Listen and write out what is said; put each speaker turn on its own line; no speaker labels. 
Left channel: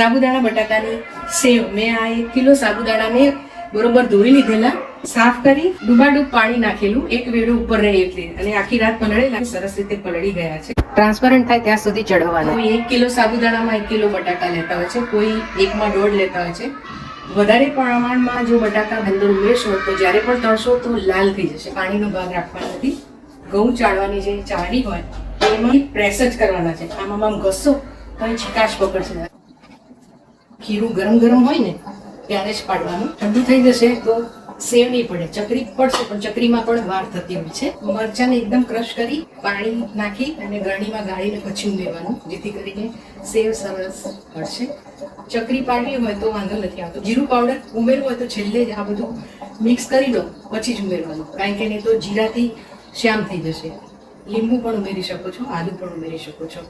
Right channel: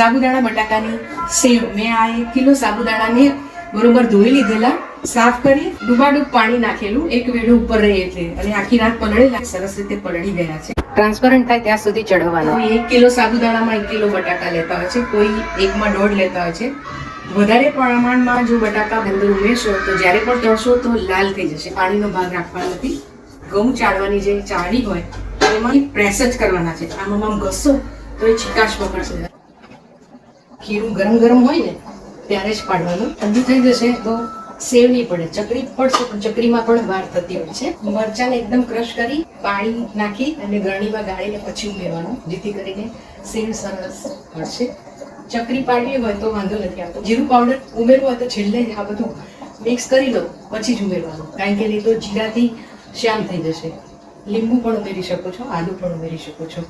સાબુદાણા બટાકાની સેવ. મેં આ એક કિલો સાબુદાણાને બરોબર ધોઈ લીધેલા સાફ કરી ડૂબાડૂબ પાણી નાખેલું. એક વેડું ઉપર રહે એટલે. અને આખી રાત પલળેલા સરસ રીતે પલળી ગયા છે. ટ્રાન્સપરન્ટ થાય ત્યાં સુધી ચડવાના એક કિલો સાબુદાણામાં એક કિલો બટાકા લેતા હોય છે. કોઈ એકમાં દોઢ લેતા હોય છે. વધારે પ્રમાણમાં જો બટાકા અંદર ઉમેરશો તો જ્યારે પણ તળશો તો લાલ થઈ જશે. પાણીનો ભાગ રાખવાનો નથી. ઘઉં ચાળવાની જે ચાળી હોય એમાં પ્રેસ જ કરવાના છે. આમાં આમ ઘસો તો એ ચિકાશ પકડશે. ખીરું ગરમ ગરમ હોય ને, ત્યારે જ પાડવાનું. ઠંડુ થઈ જશે તો સેવ નહીં પડે. ચકરી પડશે, પણ ચકરીમાં પણ વાર થતી હોય છે. મરચાંને એકદમ ક્રશ કરી પાણી નાખી અને ગરણીમાં ગાળીને પછી ઉમેરવાનું, જેથી કરીને સેવ સરસ પડશે. ચકરી પાડવી હોય તો વાંધો નથી આવતો. જીરું પાવડર ઉમેરવું હોય તો છેલ્લે જ આ બધું મિક્સ કરી લો, પછી જ ઉમેરવાનું. કારણ કે નહીં તો જીરાથી શ્યામ થઈ જશે. લીંબુ પણ ઉમેરી શકો છો, આદુ પણ ઉમેરી શકો છો.